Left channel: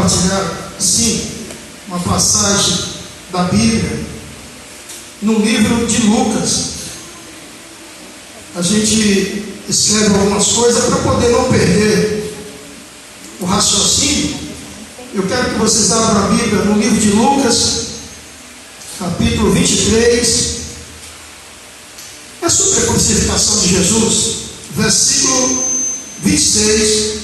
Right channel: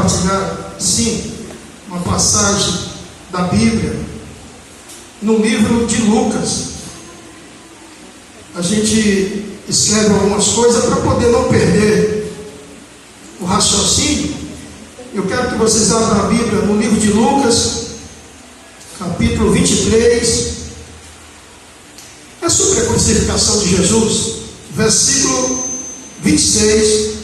compartilhar, sim, uma passagem da Bíblia, no livro de Lucas. A gente escreve algumas coisas para poder não perder o raciocínio. Eu quero que vocês abram a Bíblia no livro de Lucas, capítulo 23. É sobre a crucificação de Jesus, versículo 26.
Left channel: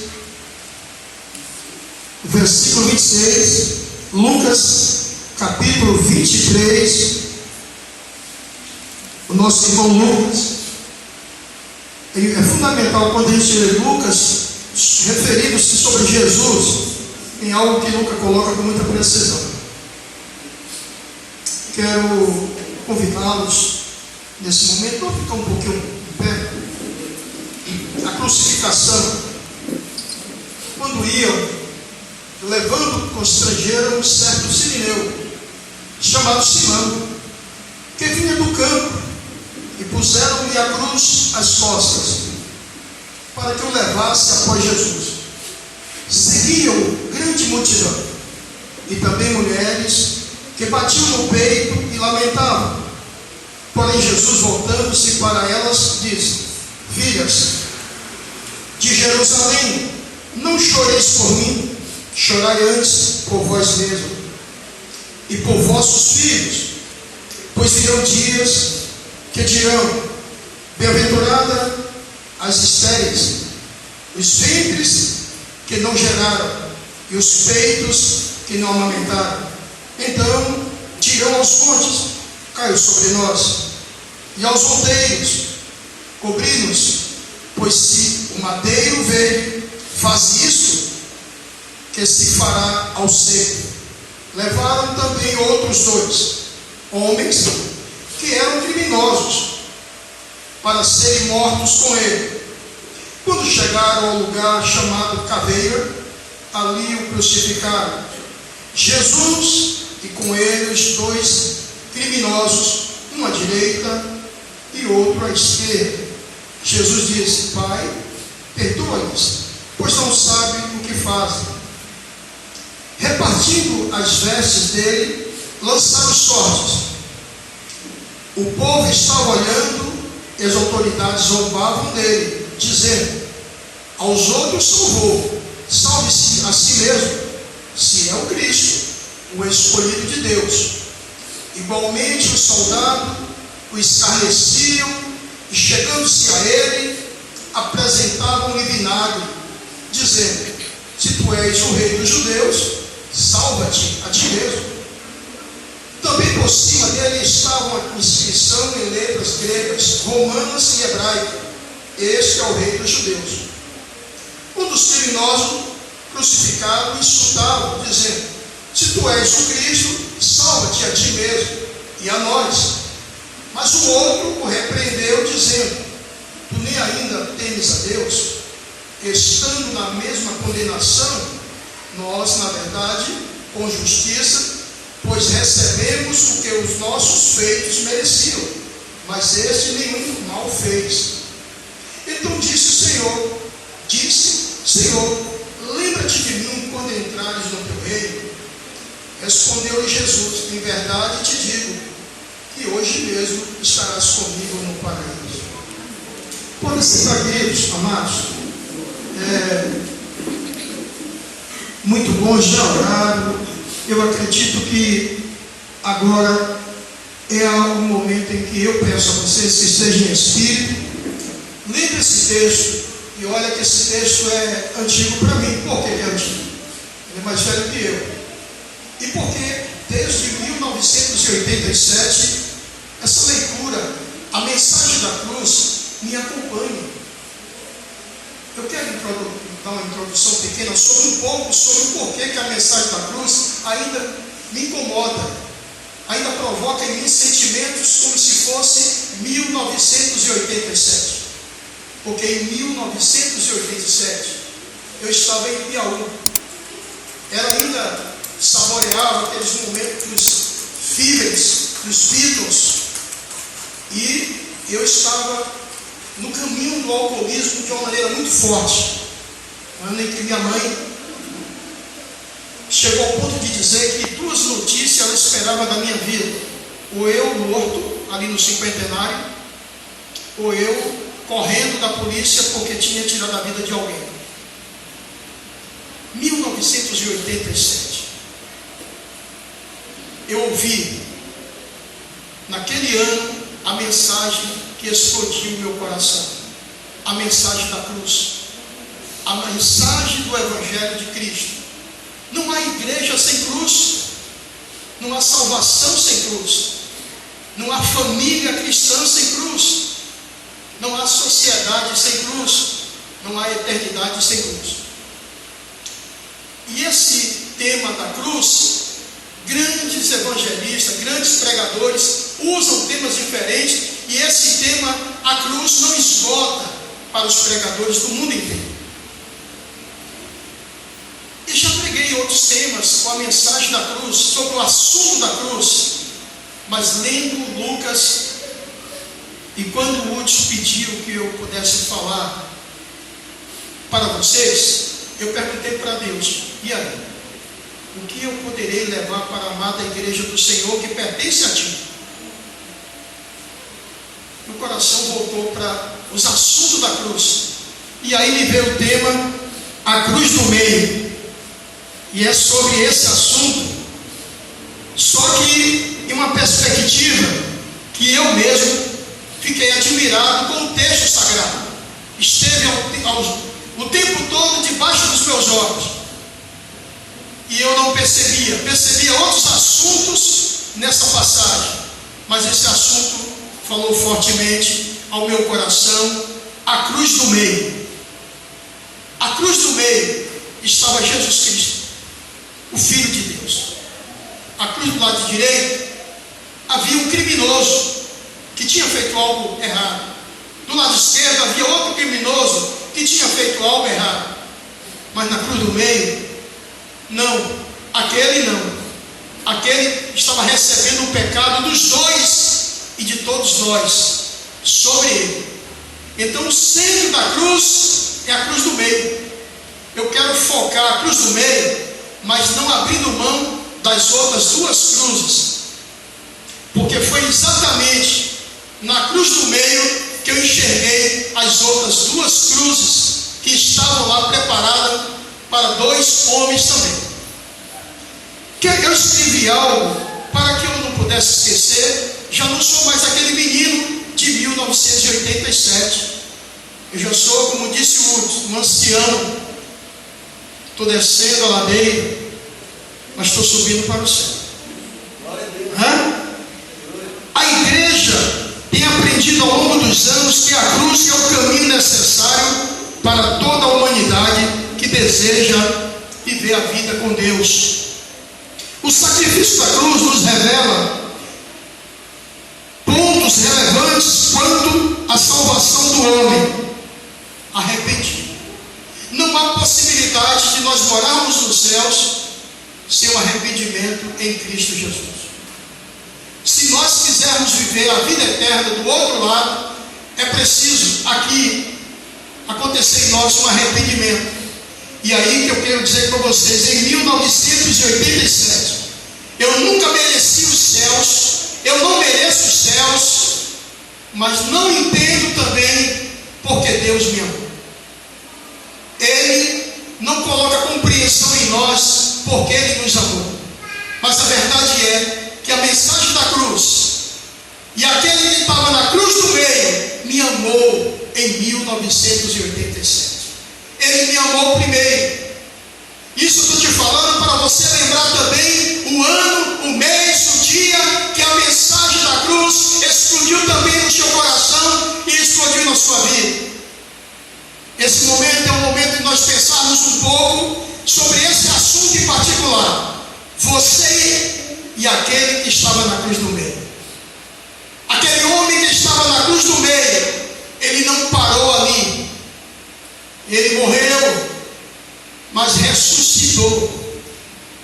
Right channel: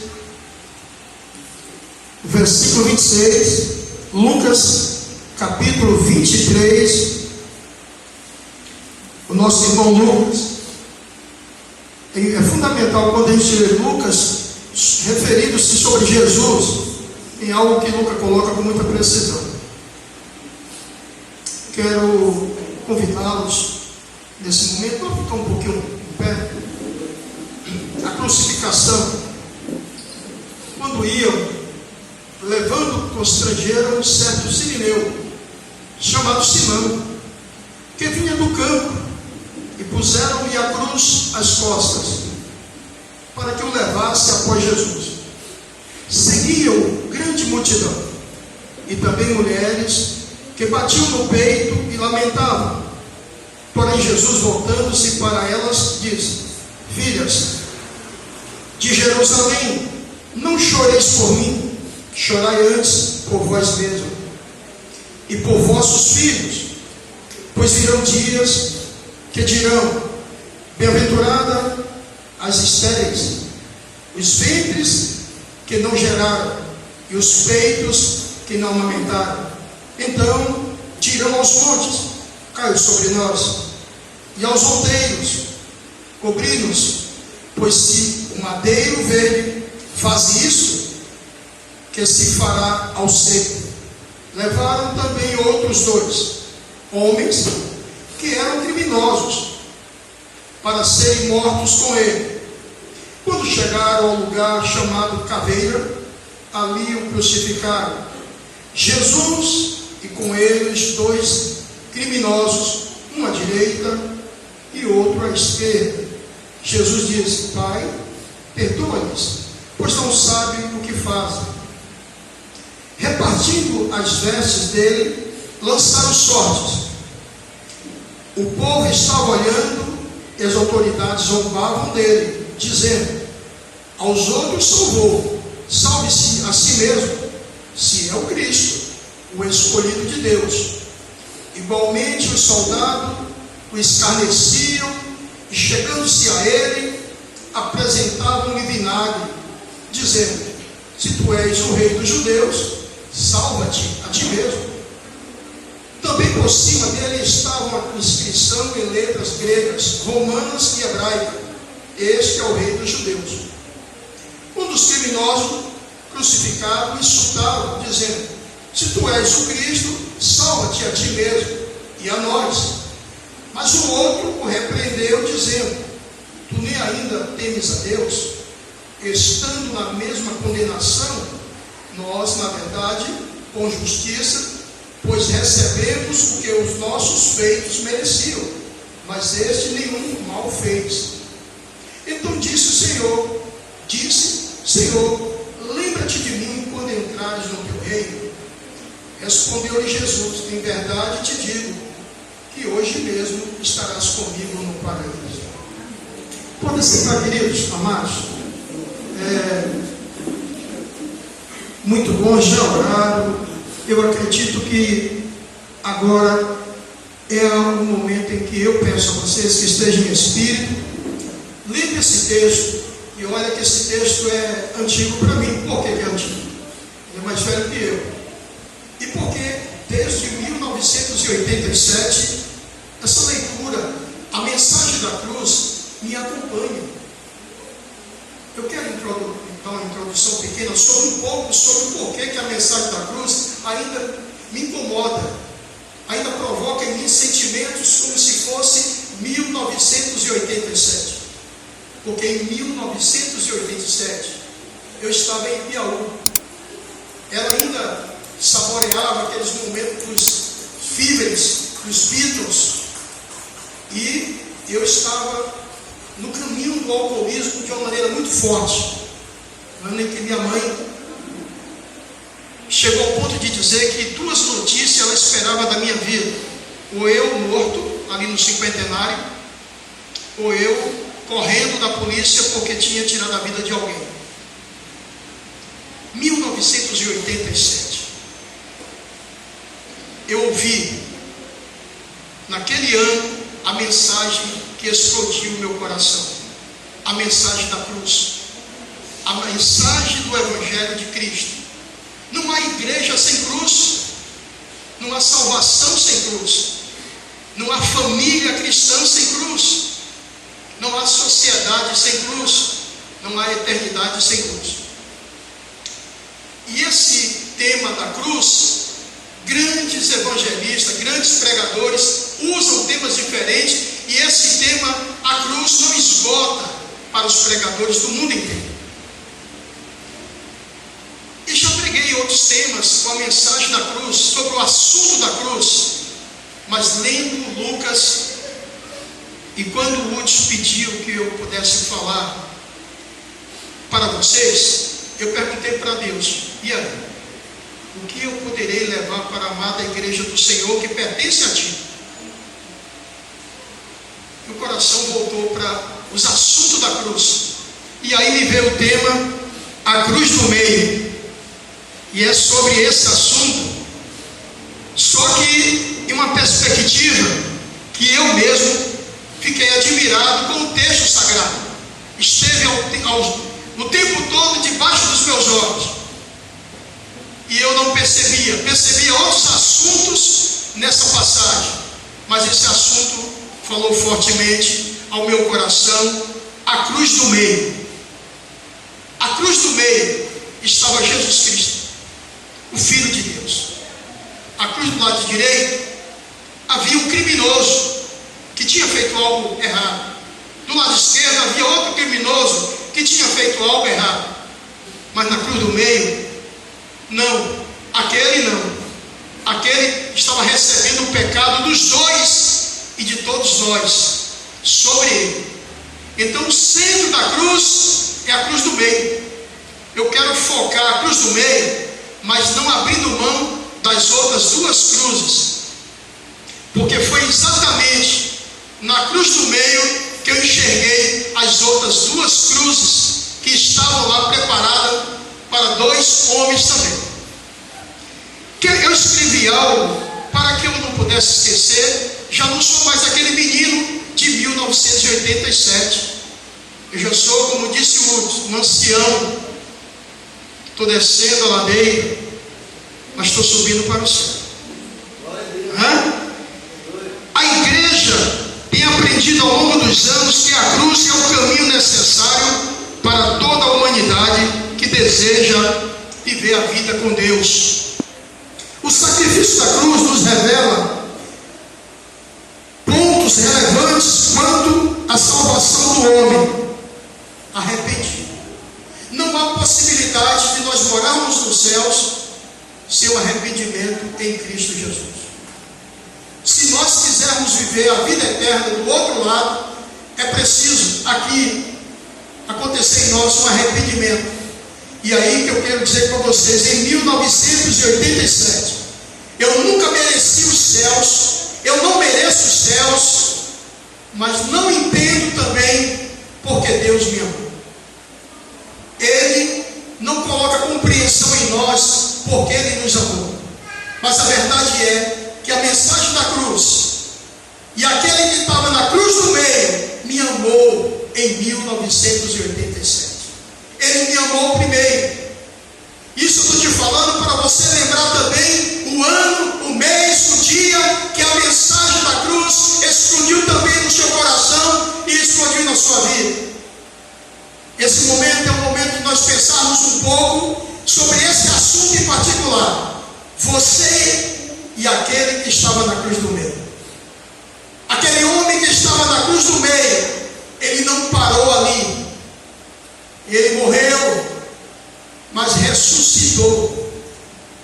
Versículo 26, Lucas, capítulo 23. O nosso irmão Lucas, é fundamental quando a gente lê Lucas, referindo-se sobre Jesus, em algo que Lucas coloca com muita precisão. Quero convidá-los nesse momento, vamos ficar um pouquinho em pé. A crucificação, quando iam levando, constrangeram um certo sirineu, chamado Simão, que vinha do campo, e puseram-lhe a cruz às costas, para que o levasse após Jesus. Seguiam grande multidão, e também mulheres que batiam no peito e lamentavam. Porém Jesus, voltando-se para elas, disse: Filhas de Jerusalém, não choreis por mim, chorai antes por vós mesmos e por vossos filhos, pois virão dias que dirão: bem-aventurada as estéreis, os ventres que não geraram e os peitos que não amamentaram. Então dirão aos montes: caiu sobre nós, e aos outeiros: cobri-nos, pois se o madeiro verde faz isso, que se fará ao seco. Levaram também outros dois homens que eram criminosos, para serem mortos com ele. Quando chegaram ao lugar chamado Caveira, ali o crucificaram, Jesus e com ele os dois criminosos, um à direita e outro à esquerda. Jesus disse: Pai, perdoa-lhes, pois não sabem o que fazem. Repartindo as vestes dele, lançaram sortes. O povo estava olhando, e as autoridades zombavam dele, dizendo: aos outros salvou, salve-se a si mesmo, se é o Cristo, o escolhido de Deus. Igualmente os soldados o escarneciam, e chegando-se a ele, apresentavam-lhe vinagre, dizendo: se tu és o rei dos judeus, salva-te a ti mesmo. Também por cima dele estava a inscrição em letras gregas, romanas e hebraicas: este é o rei dos judeus. Um dos criminosos crucificados insultava, dizendo: se tu és o Cristo, salva-te a ti mesmo e a nós. Mas o outro o repreendeu, dizendo: tu nem ainda temes a Deus, estando na mesma condenação, nós, na verdade, com justiça, pois recebemos o que os nossos feitos mereciam, mas este nenhum mal fez. Então disse: Senhor, lembra-te de mim quando entrares no teu reino. Respondeu-lhe Jesus: em verdade te digo, que hoje mesmo estarás comigo no paraíso. Pode sentar, queridos, amados. Muito bom, já oraram. Eu acredito que agora é o momento em que eu peço a vocês que estejam em espírito, leiam esse texto. E olha que esse texto é antigo para mim. Por que ele é antigo? Ele é mais velho que eu. E porque desde 1987 essa leitura, a mensagem da cruz, me acompanha. Eu quero dar uma introdução pequena sobre um pouco sobre o porquê que a mensagem da cruz ainda me incomoda, ainda provoca em mim sentimentos como se fosse 1987. Porque em 1987 eu estava em Piauí. Ela ainda saboreava aqueles momentos fíveis dos Beatles, e eu estava no caminho do alcoolismo de uma maneira muito forte. No ano em que minha mãe chegou ao ponto de dizer que duas notícias ela esperava da minha vida: ou eu morto ali no cinquentenário, ou eu correndo da polícia porque tinha tirado a vida de alguém. 1987. Eu ouvi naquele ano a mensagem que explodiu o meu coração, a mensagem da cruz, a mensagem do Evangelho de Cristo. Não há igreja sem cruz, não há salvação sem cruz, não há família cristã sem cruz, não há sociedade sem cruz, não há eternidade sem cruz. E esse tema da cruz, grandes evangelistas, grandes pregadores usam temas diferentes, e esse tema, a cruz, não esgota para os pregadores do mundo inteiro. E já preguei outros temas com a mensagem da cruz, sobre o assunto da cruz, mas lendo Lucas, e quando o Hudson pediu que eu pudesse falar para vocês, eu perguntei para Deus: e aí? O que eu poderei levar para a amada igreja do Senhor que pertence a Ti? O coração voltou para os assuntos da cruz, e aí me veio o tema, a cruz do meio, e é sobre esse assunto, só que em uma perspectiva que eu mesmo fiquei admirado com o texto sagrado, esteve o tempo todo debaixo dos meus olhos, e eu não percebia outros assuntos nessa passagem, mas esse assunto falou fortemente ao meu coração: a cruz do meio. A cruz do meio estava Jesus Cristo, o Filho de Deus. A cruz do lado direito havia um criminoso que tinha feito algo errado. Do lado esquerdo havia outro criminoso que tinha feito algo errado. Mas na cruz do meio, não, aquele não. Aquele estava recebendo o pecado dos dois e de todos nós sobre ele. Então o centro da cruz é a cruz do meio. Eu quero focar a cruz do meio, mas não abrindo mão das outras duas cruzes, porque foi exatamente na cruz do meio que eu enxerguei as outras duas cruzes que estavam lá preparadas para dois homens também. Eu escrevi algo para que eu não pudesse esquecer. Já não sou mais aquele menino de 1987. Eu já sou, como disse um ancião, estou descendo a ladeira, mas estou subindo para o céu. A igreja tem aprendido ao longo dos anos que a cruz é o caminho necessário para toda a humanidade que deseja viver a vida com Deus. O sacrifício da cruz nos revela pontos relevantes quanto à salvação do homem arrependido. Não há possibilidade de nós morarmos nos céus sem o arrependimento em Cristo Jesus. Se nós quisermos viver a vida eterna do outro lado, é preciso aqui acontecer em nós um arrependimento. E aí que eu quero dizer para vocês: em 1987, eu nunca mereci os céus, eu não mereço os céus, mas não entendo também porque Deus me amou. Ele não coloca compreensão em nós porque Ele nos amou, mas a verdade é que a mensagem da cruz, e aquele que estava na cruz do meio, me amou em 1987. Ele me amou primeiro. Isso eu estou te falando para você lembrar também o ano, o mês, o dia que a mensagem da cruz explodiu também no seu coração e explodiu na sua vida. Esse momento é um momento de nós pensarmos um pouco sobre esse assunto em particular. Você e aquele que estava na cruz do meio. Aquele homem que estava na cruz do meio, ele não parou ali. Ele morreu, mas ressuscitou.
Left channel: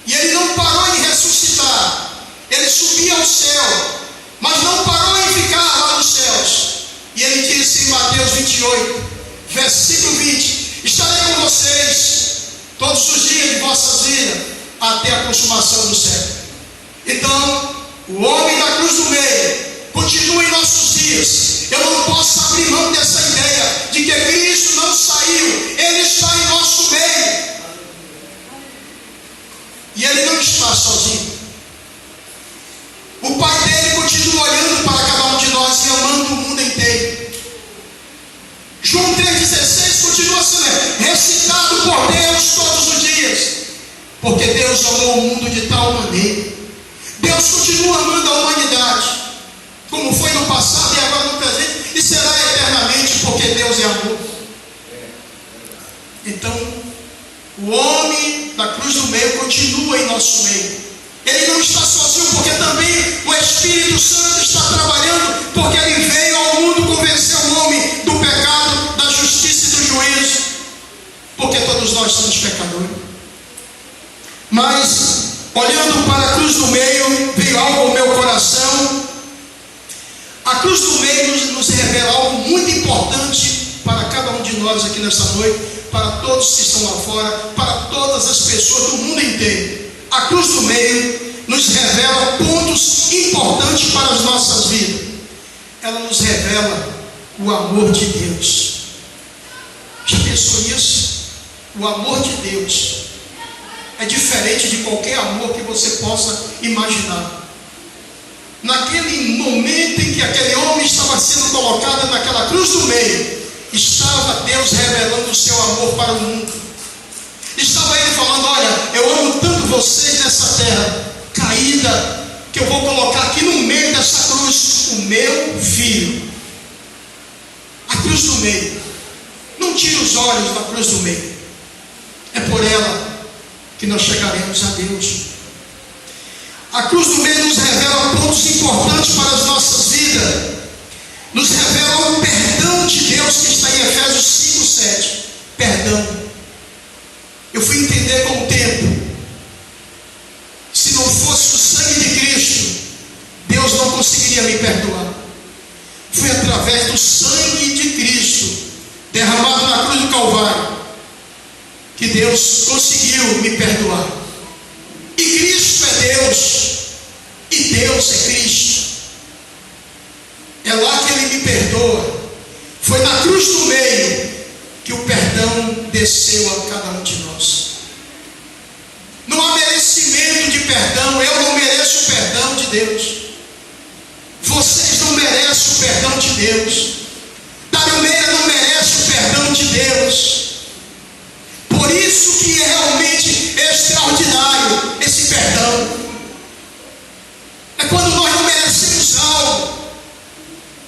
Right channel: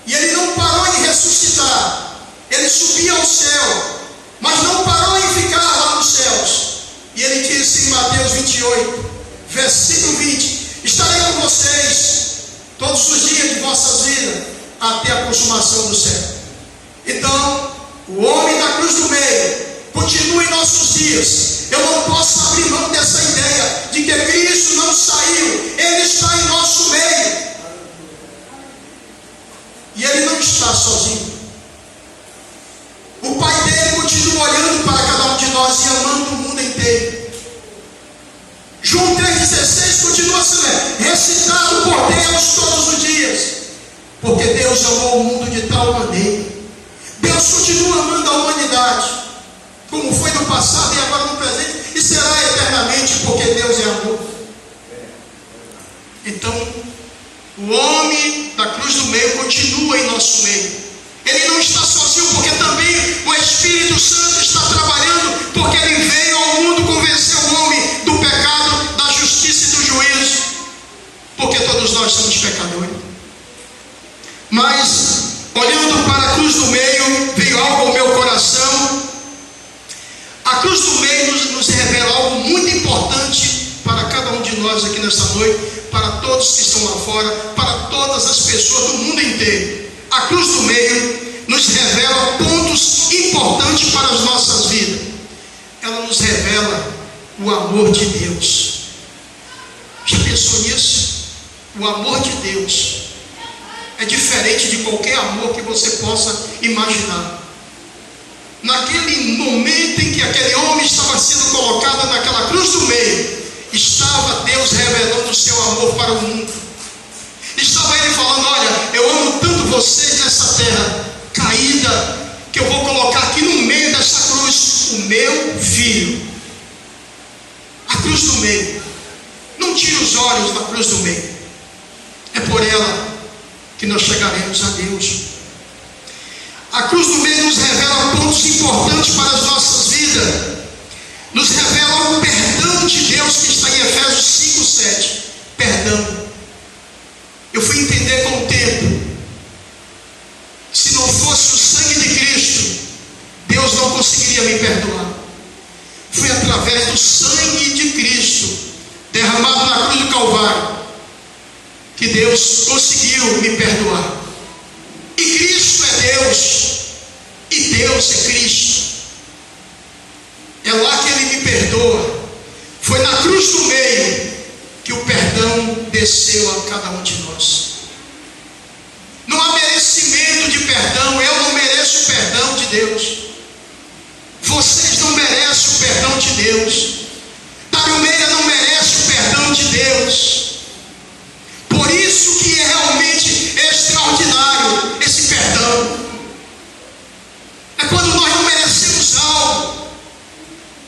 E ele não parou em ressuscitar. Ele subiu ao céu, mas não parou em ficar lá nos céus. E ele disse em Mateus 28, versículo 20: estarei com vocês todos os dias de vossas vidas, até a consumação do século. Então, o homem da cruz do meio continua em nossos dias. Eu não posso abrir mão dessa ideia de que Cristo não saiu, Ele está em nosso meio. E Ele não está sozinho. O Pai dele continua olhando para cada um de nós e amando o mundo inteiro. João 3,16 continua sendo recitado por Deus todos os dias, porque Deus amou o mundo de tal maneira. Deus continua amando a humanidade, como foi no passado e agora no presente, e será eternamente, porque Deus é amor. Então, o homem da cruz do meio continua em nosso meio. Ele não está sozinho, porque também o Espírito Santo está trabalhando, porque Ele veio ao mundo convencer o homem do pecado, da justiça e do juízo, porque todos nós somos pecadores. Mas, olhando para a cruz do meio, veio algo ao meu coração. A cruz do meio nos revela algo muito importante para cada um de nós aqui nessa noite, para todos que estão lá fora, para todas as pessoas do mundo inteiro. A cruz do meio nos revela pontos importantes para as nossas vidas. Ela nos revela o amor de Deus. Já pensou nisso? O amor de Deus é diferente de qualquer amor que você possa imaginar. Naquele momento em que aquele homem estava sendo colocado naquela cruz do meio, estava Deus revelando o seu amor para o mundo. Estava Ele falando: olha, eu amo tanto vocês nessa terra caída, que eu vou colocar aqui no meio dessa cruz o meu filho. A cruz do meio. Não tire os olhos da cruz do meio. É por ela que nós chegaremos a Deus. A cruz do meio nos revela pontos importantes para as nossas vidas. Nos revela o perdão de Deus que está em Efésios 5:7. Perdão. Eu fui entender com o tempo. Se não fosse o sangue de Cristo, Deus não conseguiria me perdoar. Foi através do sangue de Cristo, derramado na cruz do Calvário, que Deus conseguiu me perdoar. E Cristo é Deus, e Deus é Cristo. É lá que Ele me perdoa. Foi na cruz do meio que o perdão desceu a cada um de nós. Não há merecimento de perdão. Eu não mereço o perdão de Deus. Vocês não merecem o perdão de Deus. Dário Meira não merece o perdão de Deus. Por isso que é realmente extraordinário esse perdão. É quando nós não merecemos algo,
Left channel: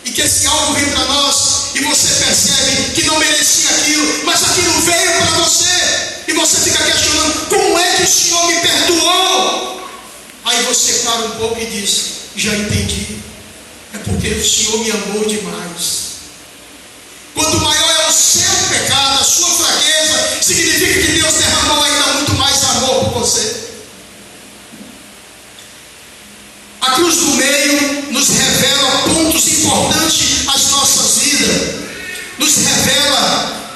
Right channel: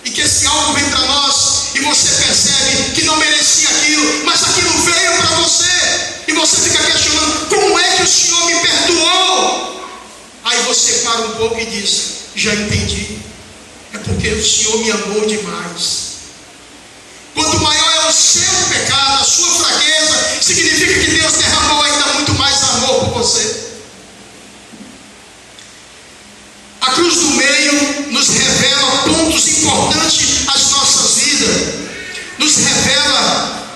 e que esse algo vem para nós, e você percebe que não merecia aquilo, mas aquilo veio para você, e você fica questionando: como é que o Senhor me perdoou? Aí você para um pouco e diz: já entendi, é porque o Senhor me amou demais. Quanto maior é o seu pecado, a sua fraqueza, significa que Deus derramou ainda muito mais amor por você. A cruz do meio nos revela pontos importantes às nossas vidas. Nos revela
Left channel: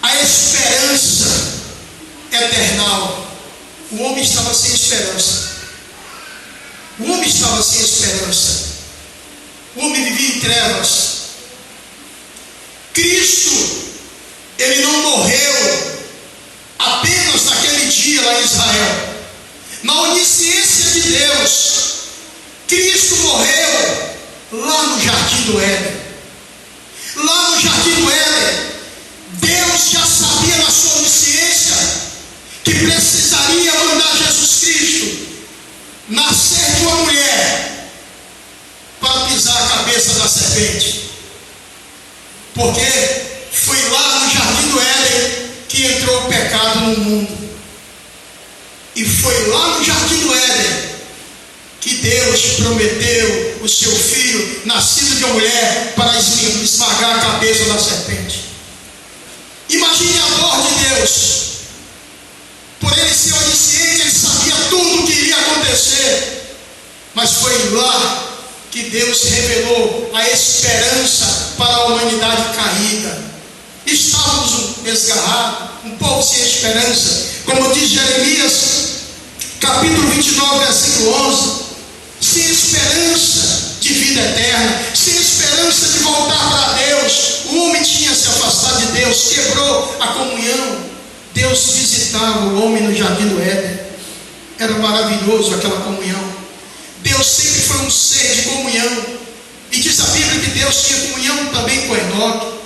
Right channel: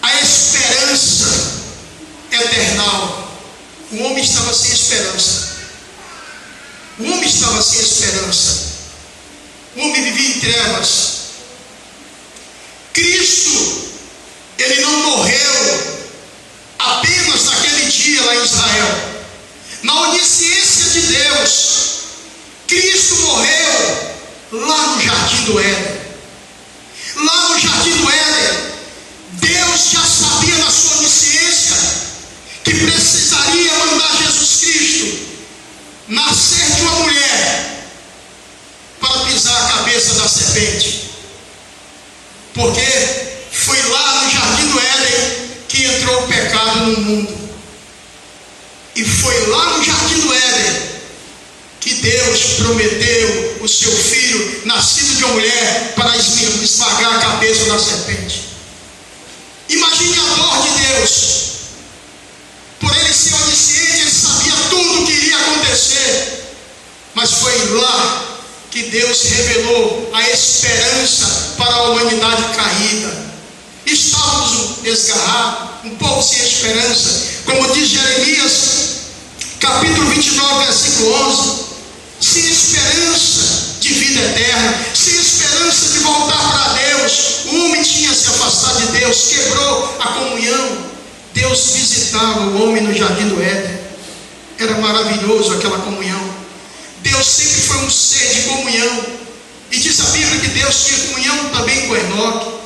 a esperança eternal. O homem estava sem esperança. O homem estava sem esperança. O homem vivia em trevas. Cristo, Ele não morreu apenas naquele dia lá em Israel. Na onisciência de Deus, Cristo morreu lá no Jardim do Éden. Lá no Jardim do Éden, Deus já sabia na sua onisciência que precisaria mandar Jesus Cristo nascer de uma mulher para pisar a cabeça da serpente. Porque foi lá no Jardim do Éden que entrou o pecado no mundo. E foi lá no Jardim do Éden que Deus prometeu o seu filho, nascido de uma mulher, para esmagar a cabeça da serpente. Imagine a dor de Deus. Por Ele ser onisciente, Ele sabia tudo o que iria acontecer. Mas foi lá que Deus revelou a esperança para a humanidade caída. Estávamos desgarrados, um povo sem esperança. Como diz Jeremias capítulo 29, versículo 11, sem esperança de vida eterna, sem esperança de voltar para Deus. O homem tinha se afastado de Deus, quebrou a comunhão. Deus visitava o homem no jardim do Éden. Era maravilhoso aquela comunhão. Deus sempre foi um ser de comunhão. E diz a Bíblia que Deus tinha comunhão também com Enoque.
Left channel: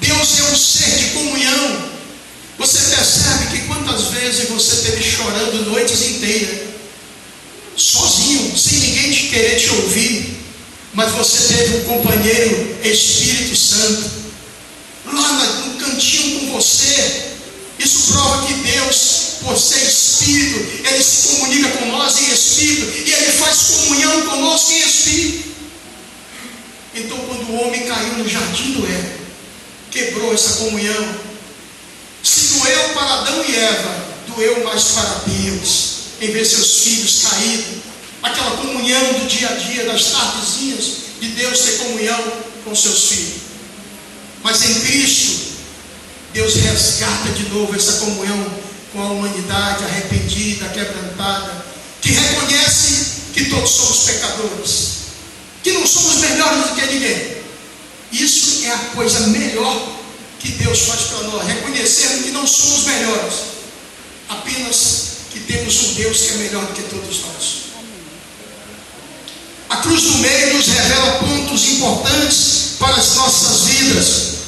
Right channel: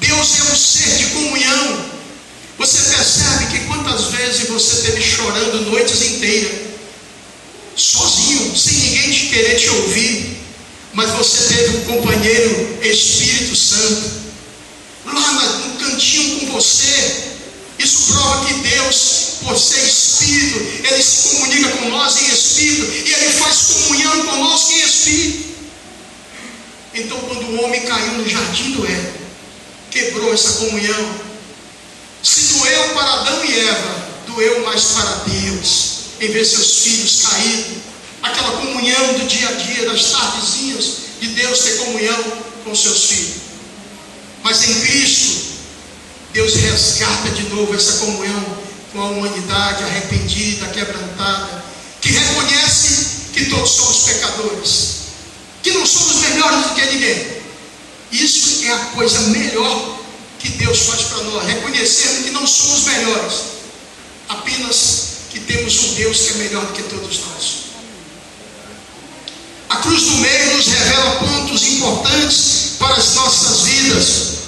Deus é um ser de comunhão. Você percebe que quantas vezes você esteve chorando noites inteiras, sozinho, sem ninguém te querer te ouvir, mas você teve um companheiro, Espírito Santo, lá no cantinho com você. Isso prova que Deus, por ser Espírito, Ele se comunica com nós em Espírito, e Ele faz comunhão conosco em Espírito. Então, quando o homem caiu no jardim do Éden, quebrou essa comunhão. Se doeu para Adão e Eva, doeu mais para Deus, em ver seus filhos caídos. Aquela comunhão do dia a dia, das tardezinhas, de Deus ter comunhão com seus filhos. Mas em Cristo, Deus resgata de novo essa comunhão com a humanidade arrependida, quebrantada, que reconhece que todos somos pecadores, que não somos melhores do que ninguém. Isso é a coisa melhor que Deus faz para nós, reconhecendo que não somos melhores, apenas que temos um Deus que é melhor do que todos nós. A cruz do meio nos revela pontos importantes para as nossas vidas,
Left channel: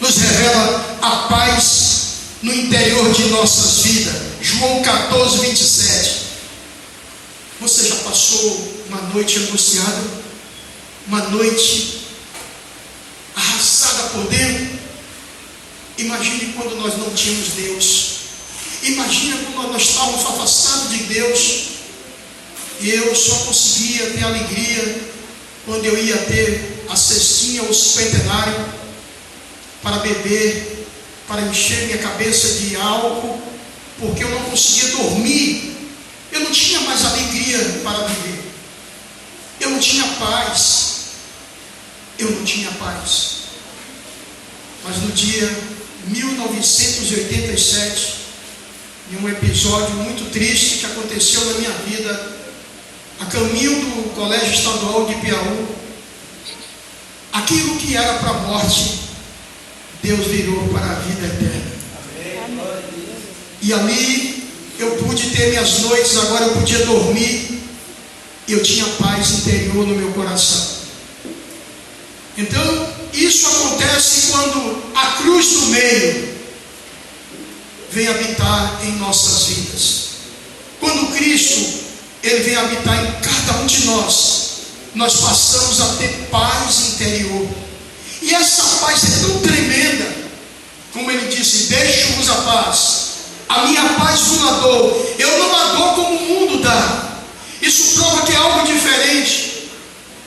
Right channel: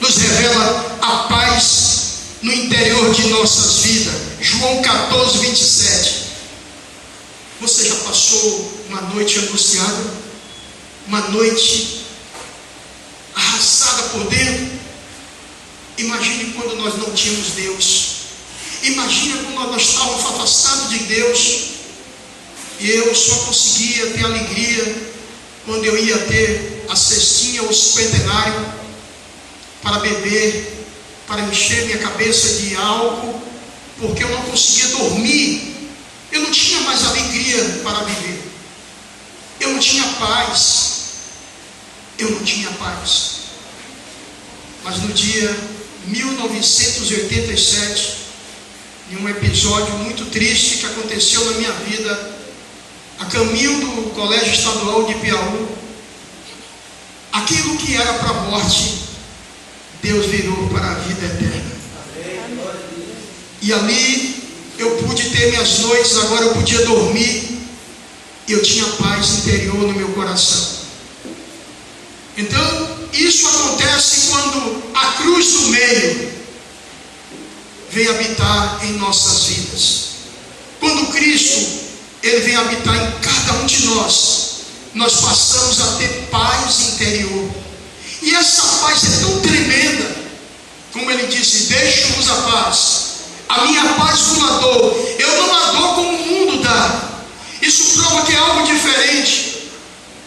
nos revela a paz no interior de nossas vidas. João 14, 27. Você já passou uma noite angustiada? Uma noite arrasada por dentro? Imagine quando nós não tínhamos Deus. Imagina quando nós estávamos afastados de Deus, e eu só conseguia ter alegria quando eu ia ter a cestinha ou o centenário para beber, para encher minha cabeça de álcool, porque eu não conseguia dormir. Eu não tinha mais alegria para viver. Eu não tinha paz. Eu não tinha paz. Mas no dia 1987, em um episódio muito triste que aconteceu na minha vida, a caminho do Colégio Estadual de Piauí, aquilo que era para a morte, Deus virou para a vida eterna. E ali eu pude ter minhas noites, agora eu podia dormir, e eu tinha paz interior no meu coração. Então, isso acontece quando a cruz do meio vem habitar em nossas vidas. Quando Cristo, Ele vem habitar em cada um de nós, nós passamos a ter paz interior. E essa paz é tão tremenda, como Ele disse: deixo-vos a paz, a minha paz vos dou. Eu não a dou como o mundo dá. Isso prova que é algo diferente,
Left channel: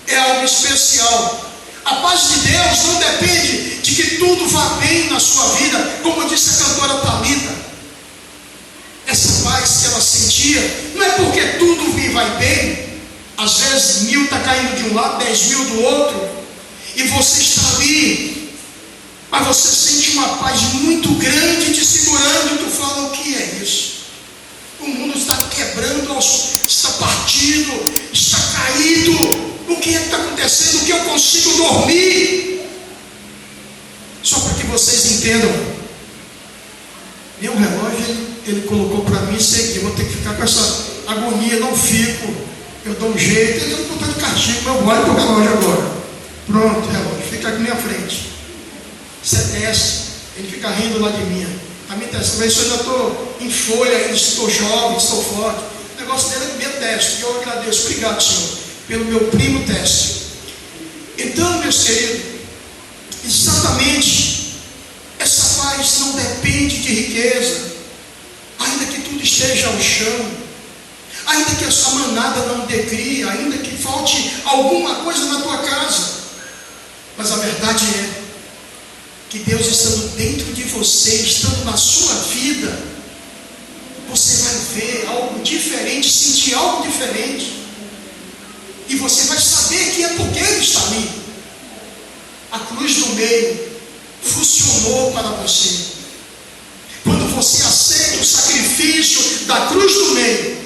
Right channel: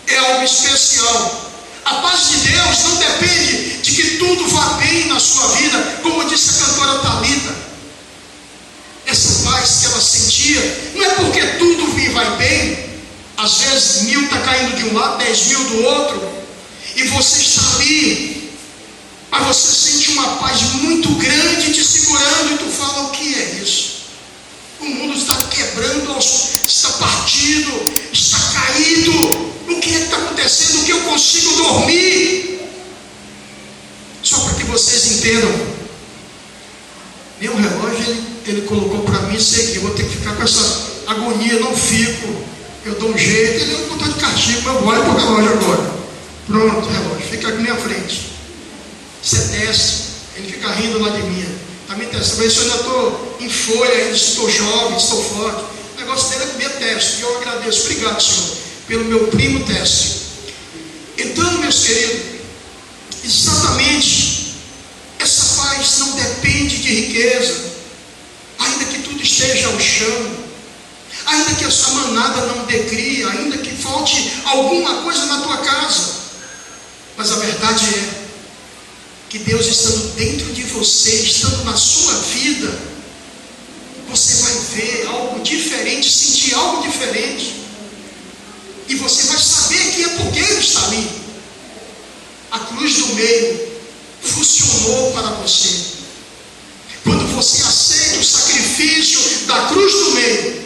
é algo especial. A paz de Deus não depende de que tudo vá bem na sua vida, como disse a cantora Thalita. Essa paz que ela sentia, não é porque tudo vai bem. Às vezes 1000 está caindo de um lado, 10.000 do outro, e você está ali, mas você sente uma paz muito grande te segurando, e tu fala: o que é isso? O mundo está quebrando, está partido, está caído. O que está acontecendo? O que eu consigo dormir? Só para que vocês entendam, meu relógio ele colocou para mim, sei que eu vou ter que ficar com essa agonia, não fico, eu dou um jeito, ele não está de castigo, mas eu olho para o relógio agora. Pronto, relógio, fica aqui na minha frente. Você desce, ele fica rindo lá de mim. A minha testa, mas eu ainda estou em folha, ainda estou jovem, estou forte. O negócio dele é comer teste, e eu agradeço, obrigado, Senhor, pelo meu primo teste. Então, meus queridos, exatamente, essa paz não depende de riqueza, ainda que tudo esteja ao chão, ainda que essa manada não dê cria, ainda que falte alguma coisa na tua casa, mas a verdade é que Deus estando dentro de você, estando na sua vida, você vai ver algo diferente, sentir algo diferente, e você vai saber que é porque Ele está ali. A cruz do meio funcionou para você. Quando você aceita o sacrifício da cruz do meio,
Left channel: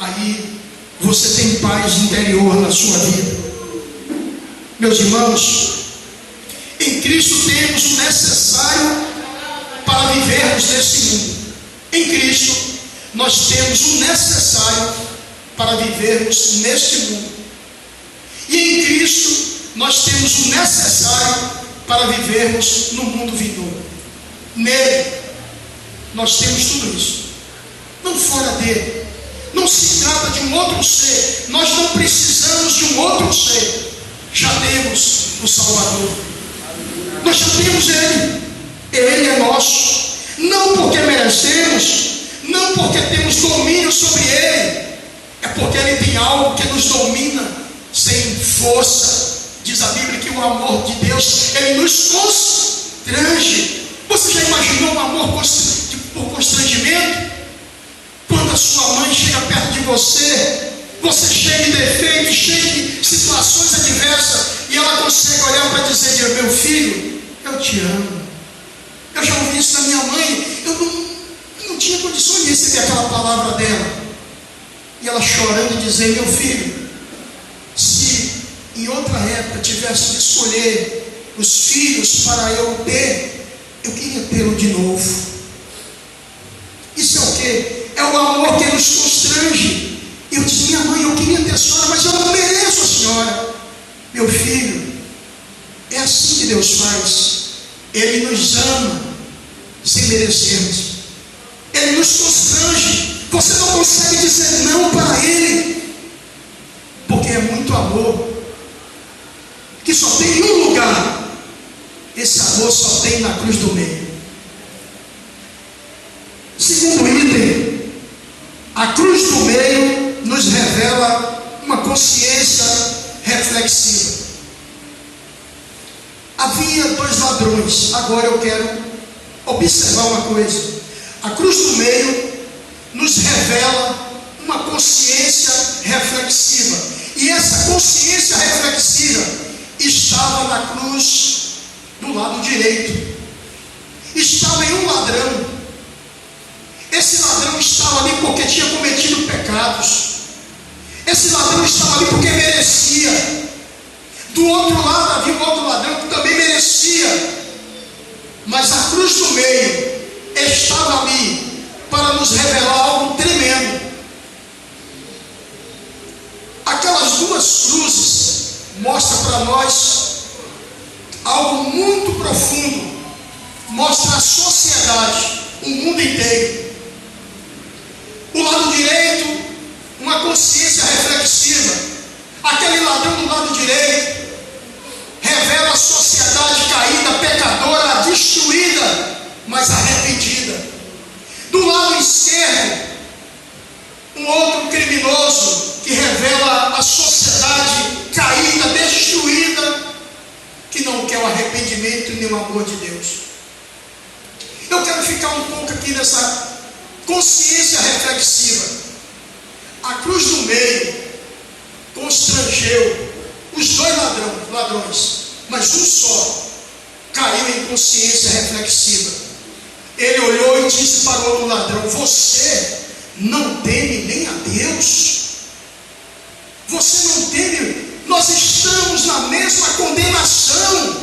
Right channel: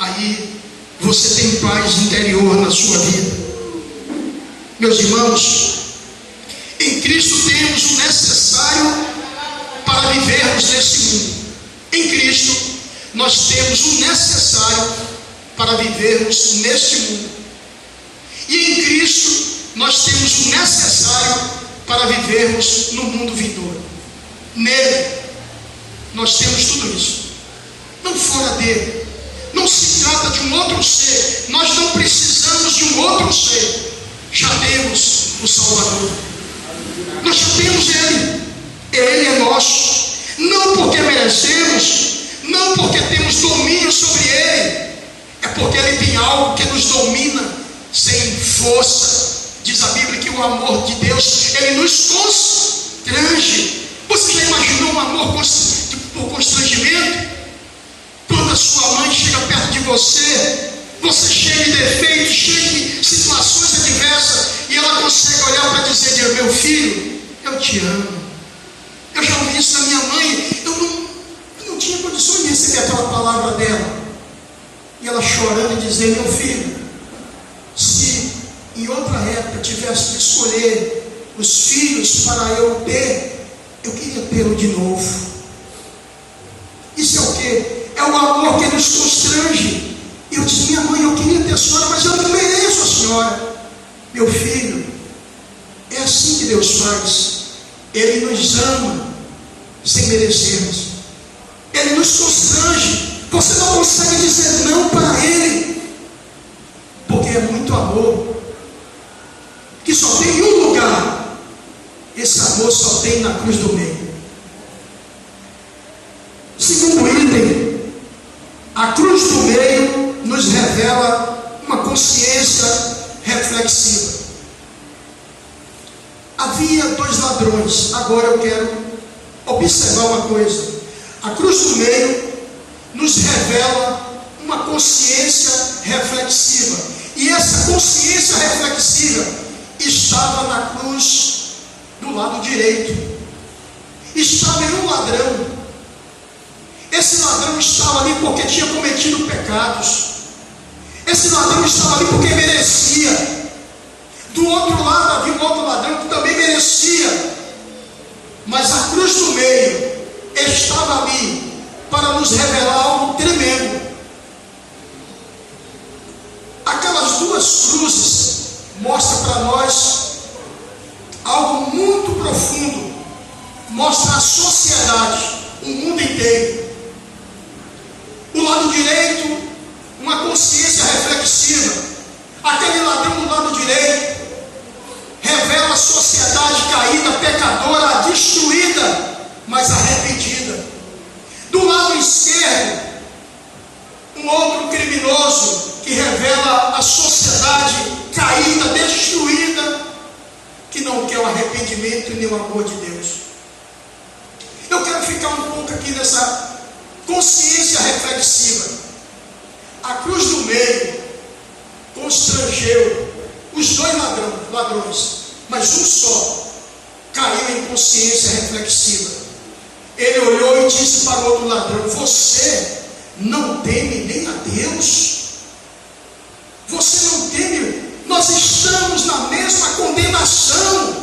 aí você tem paz interior na sua vida. Meus irmãos, em Cristo temos o necessário para vivermos nesse mundo. Em Cristo nós temos o necessário para vivermos neste mundo. E em Cristo nós temos o necessário para vivermos no mundo vindouro. Nele nós temos tudo isso. Não fora dele. Não se trata de um outro ser. Nós não precisamos de um outro ser. Já temos o Salvador. Nós já temos Ele. Ele é nosso. Não porque merecemos, não porque temos domínio sobre Ele, é porque Ele tem algo que nos domina sem força. Diz a Bíblia que o amor de Deus, Ele nos constrange. Você já imaginou um amor por constrangimento? Quando a sua mãe chega perto de você, você cheio de defeitos, cheio de situações adversas, e ela consegue olhar para dizer: meu filho, eu te amo. Eu já ouvi isso da minha mãe, eu não tinha condições de receber aquela palavra dela. E ela chorando dizer: meu filho, se em outra época tivesse que escolher os filhos para eu ter, eu queria tê-lo de novo. Isso é o quê? É o amor que nos constrange. E eu disse: minha mãe, eu queria ter a senhora, mas eu não mereço a senhora. Meu filho, é assim que Deus faz. Ele nos ama sem merecermos. Ele nos constrange. Você não consegue dizer não para Ele, porque é muito amor que só tem um lugar. Esse amor só tem na cruz do meio. Segundo item, a cruz do meio nos revela uma consciência reflexiva. Havia 2 ladrões. Agora eu quero observar uma coisa. A cruz do meio nos revela uma consciência reflexiva. E essa consciência reflexiva estava na cruz do lado direito. Estava em um ladrão. Esse ladrão estava ali porque tinha cometido pecados. Esse ladrão estava ali porque merecia. Do outro lado havia um outro ladrão que também merecia. Mas a cruz do meio estava ali para nos revelar algo tremendo. Aquelas 2 cruzes mostram para nós algo muito profundo. Mostra a sociedade, o mundo inteiro. O lado direito, uma consciência reflexiva. Aquele ladrão do lado direito revela a sociedade caída, pecadora, destruída, mas arrependida. Do lado esquerdo, um outro criminoso que revela a sociedade caída, destruída, que não quer o arrependimento e nem o amor de Deus. Eu quero ficar um pouco aqui nessa consciência reflexiva. A cruz do meio constrangeu os 2 ladrões, mas um só caiu em consciência reflexiva. Ele olhou e disse para o outro ladrão: você não teme nem a Deus? Você não teme? Nós estamos na mesma condenação,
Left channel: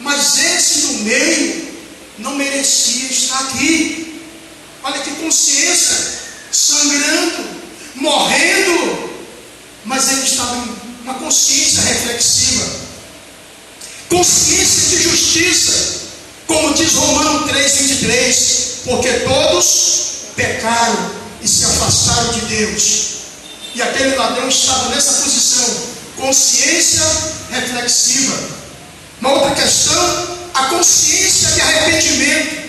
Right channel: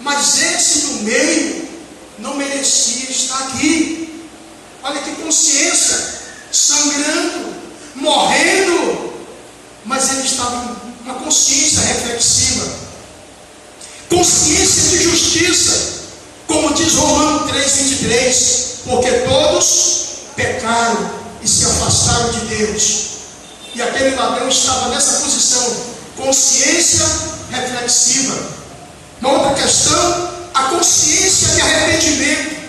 mas esse no meio não merecia estar aqui. Olha que consciência, sangrando, morrendo, mas ele estava em uma consciência reflexiva, consciência de justiça, como diz Romanos 3:23, porque todos pecaram e se afastaram de Deus. E aquele ladrão estava nessa posição, consciência reflexiva. Uma outra questão, a consciência de arrependimento.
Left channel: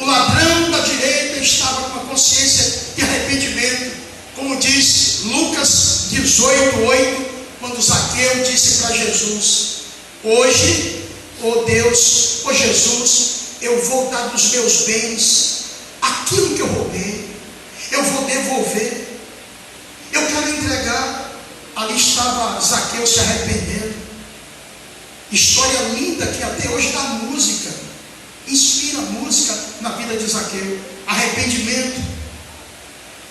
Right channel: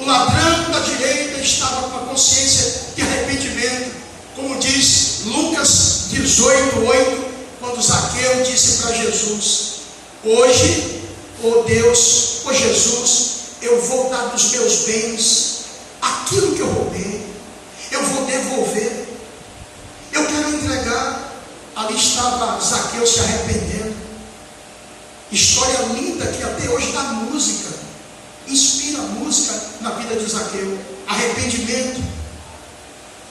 O ladrão da direita estava com a consciência de arrependimento, como diz Lucas 18:8, quando Zaqueu disse para Jesus: hoje, ó Deus, ó Jesus, eu vou dar dos meus bens aquilo que eu roubei, eu vou devolver, eu quero entregar. Ali estava Zaqueu se arrependendo. História linda que até hoje dá música, inspira música na vida de Zaqueu. Arrependimento.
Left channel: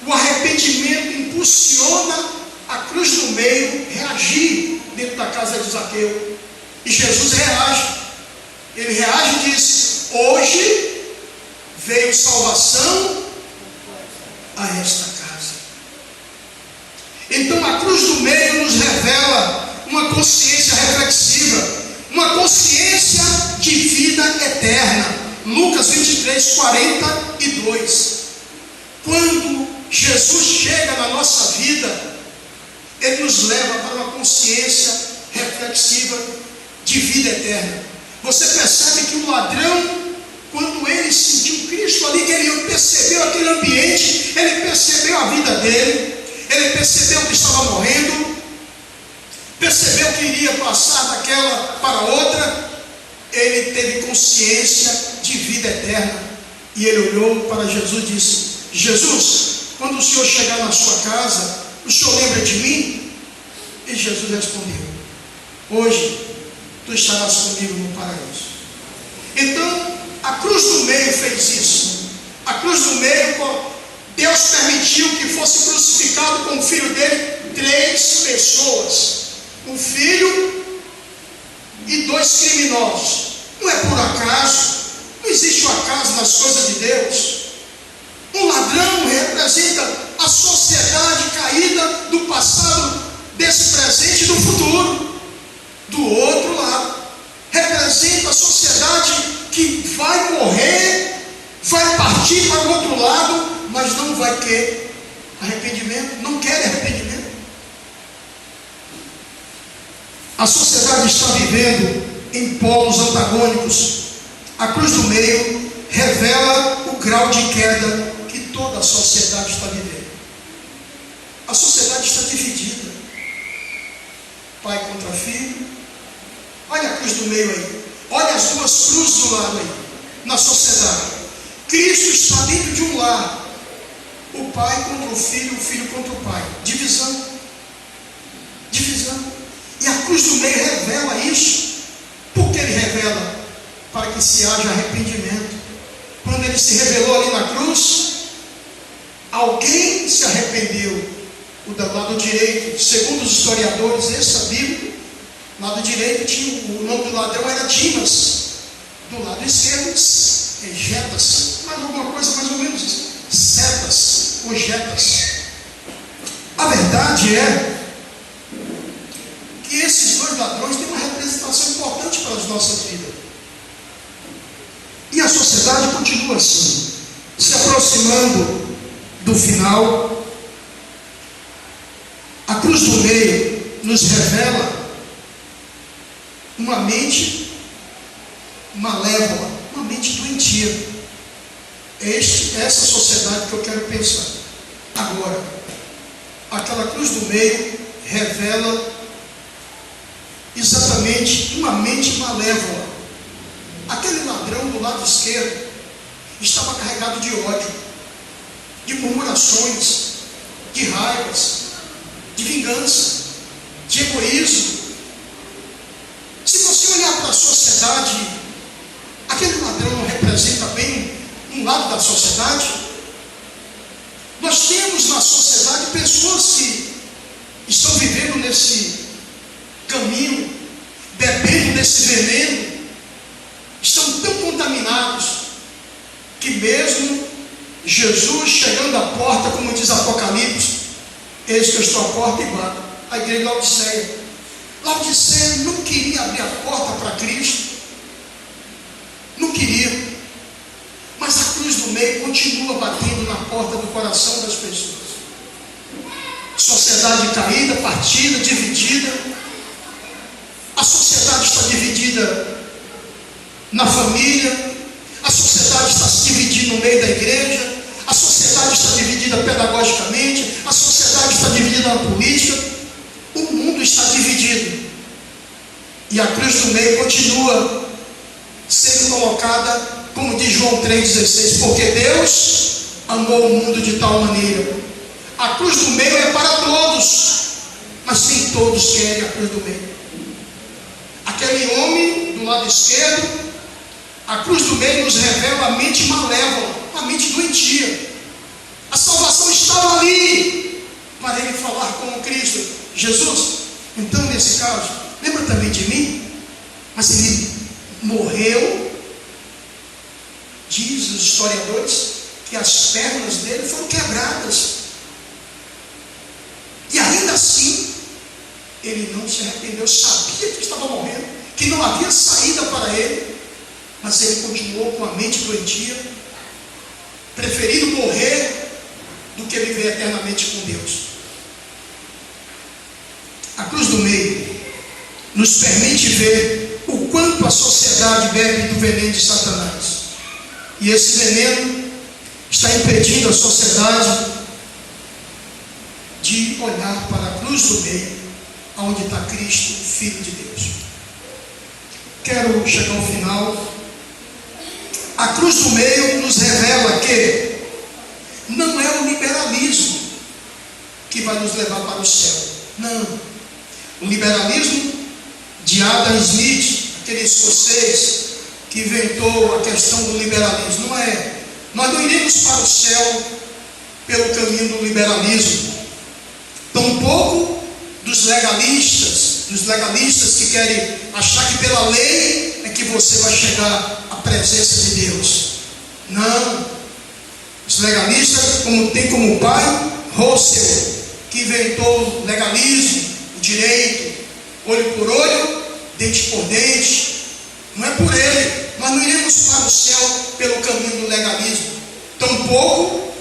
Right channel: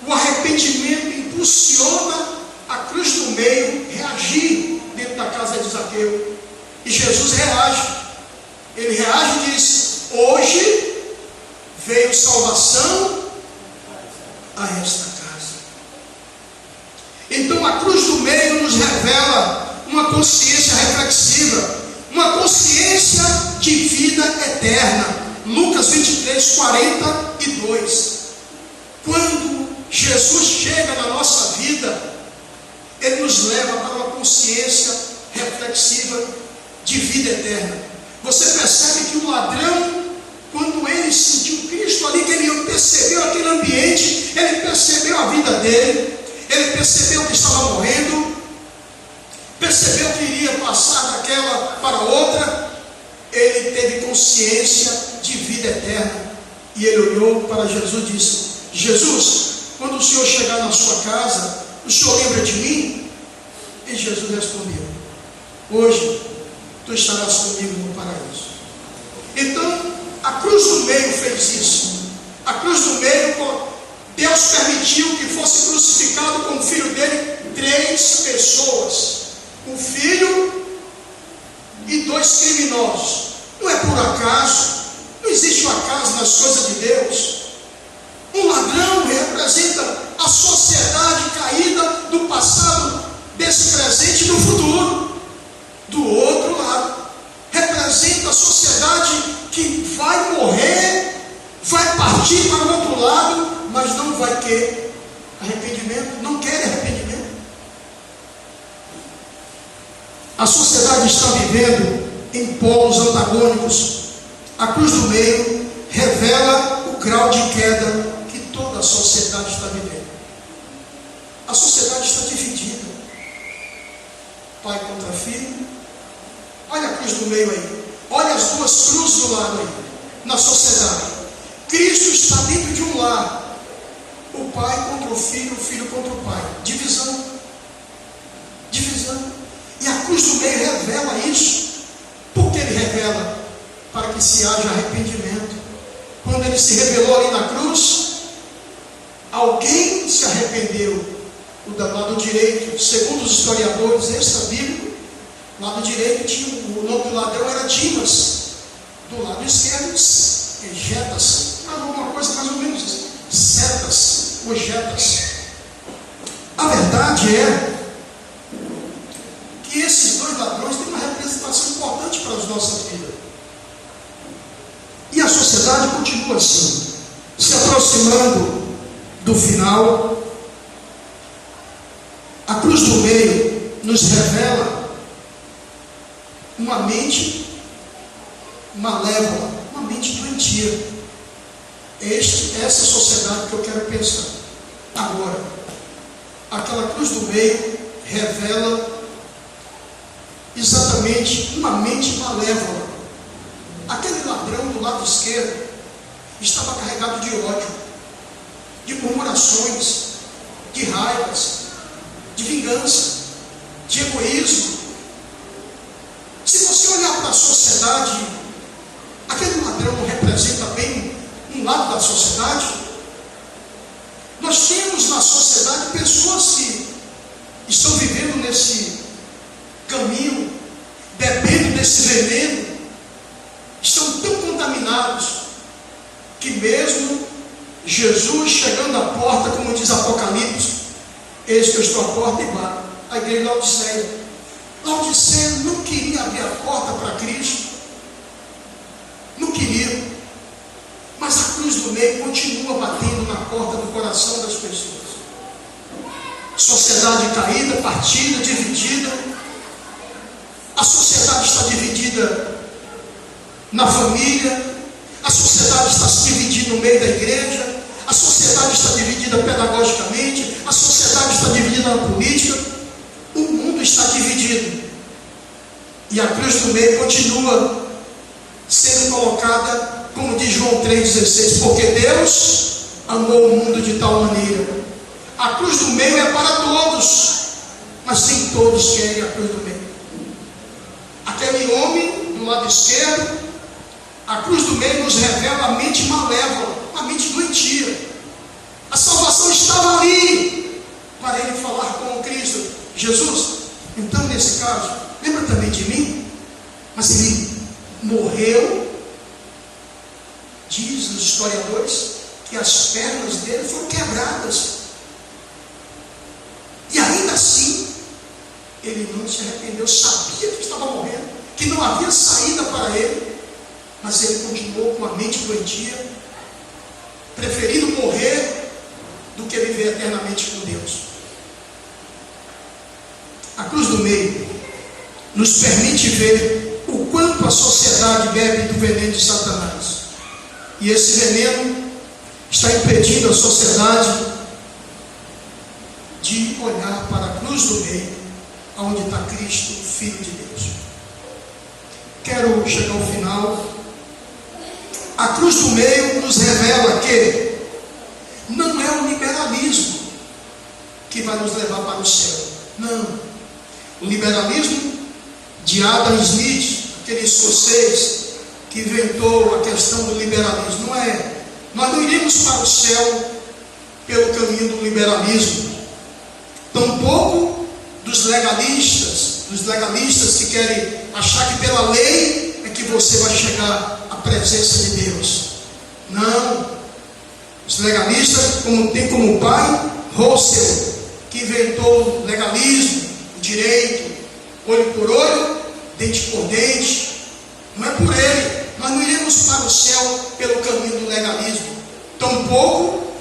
O arrependimento arrependimento impulsiona a cruz do meio reagir dentro da casa de Zaqueu. E Jesus reage. Ele reage e diz: hoje veio salvação a esta casa. Então a cruz do meio nos revela uma consciência reflexiva, uma consciência de vida eterna. Lucas 23, 42. Quando Jesus chega na nossa vida, Ele nos leva para uma consciência reflexiva de vida eterna. Você percebe que o ladrão, quando ele sentiu Cristo ali, que ele percebeu aquele ambiente, ele percebeu a vida dele, ele percebeu que estava morrendo, percebeu que iria passar daquela para outra, ele teve consciência de vida eterna. E ele olhou para Jesus e disse: Jesus, quando o Senhor chegar na sua casa, o Senhor lembra de mim? E Jesus respondeu: hoje tu estarás comigo no paraíso. Então a cruz do meio fez isso. A cruz do meio, Deus permitiu que fosse crucificado com o filho dele 3 pessoas, um filho e 2 criminosos. Não é por acaso, não existe o acaso nas coisas de Deus. Um ladrão representa a sociedade caída do passado, desse presente e do futuro. Do outro lado, representa a sociedade que vai morrer, vai partir para o outro lado, mas não vai ter arrependimento, não quer arrependimento. A sociedade está vivendo em polos antagônicos. A cruz do meio revela o grau de queda que toda a sociedade está vivendo. A sociedade está dividida. Pai contra filho. Olha a cruz do meio aí. Olha as 2 cruzes do lado aí, na sociedade. Cristo está dentro de um lar. O pai contra o filho contra o pai. Divisão. Divisão. E a cruz do meio revela isso. Por que ele revela? Para que se haja arrependimento. Quando ele se revelou ali na cruz, alguém se arrependeu. O do lado direito, segundo os historiadores extra-bíblicos, lado direito tinha, o nome do ladrão era Dimas. Do lado esquerdo, Getas. Alguma coisa mais ou menos isso. Setas ou Getas. A verdade é que esses 2 ladrões têm uma representação importante para as nossas vidas. E a sociedade continua assim, se aproximando do final. A cruz do meio nos revela uma mente malévola, uma mente doentia. É essa sociedade que eu quero pensar. Agora, aquela cruz do meio revela exatamente uma mente malévola. Aquele ladrão do lado esquerdo estava carregado de ódio, de murmurações, de raivas, de vingança, de egoísmo. Se você olhar para a sociedade, aquele ladrão não representa bem um lado da sociedade. Nós temos na sociedade pessoas que estão vivendo nesse caminho, bebendo desse veneno, estão tão contaminados que mesmo Jesus chegando à porta, como diz Apocalipse, eis que eu estou à porta e bato. A igreja de Laodiceia. Laodiceia não queria abrir a porta para Cristo, não queria, mas a cruz do meio continua batendo na porta do coração das pessoas. Sociedade caída, partida, dividida. A sociedade está dividida na família, a sociedade está se dividindo no meio da igreja, a sociedade está dividida pedagogicamente, a sociedade está dividida na política, o mundo está dividido. E a cruz do meio continua sendo colocada, como diz João 3,16, porque Deus amou o mundo de tal maneira. A cruz do meio é para todos, mas nem todos querem a cruz do meio. Aquele homem do lado esquerdo, a cruz do meio nos revela a mente malévola, a mente doentia. A salvação estava ali para ele falar com o Cristo. Jesus, então nesse caso, lembra também de mim? Mas ele morreu. Diz os historiadores que as pernas dele foram quebradas. E ainda assim, ele não se arrependeu. Sabia que estava morrendo, que não havia saída para ele, mas ele continuou com a mente doentia, preferindo morrer do que viver eternamente com Deus. A cruz do meio nos permite ver o quanto a sociedade bebe do veneno de Satanás. E esse veneno está impedindo a sociedade de olhar para a cruz do meio, onde está Cristo, Filho de Deus. Quero chegar ao final. A cruz do meio nos revela que não é o liberalismo que vai nos levar para o céu. Não. O liberalismo de Adam Smith, aquele escocês que inventou a questão do liberalismo, não é. Nós não iremos para o céu pelo caminho do liberalismo. Tampouco dos legalistas que querem achar que pela lei é que você vai chegar à presença de Deus. Não. Os legalistas tem como pai Russell, que inventou o legalismo, o direito, olho por olho, dente por dente. Não é por ele. Nós não iremos para o céu pelo caminho do legalismo. Tampouco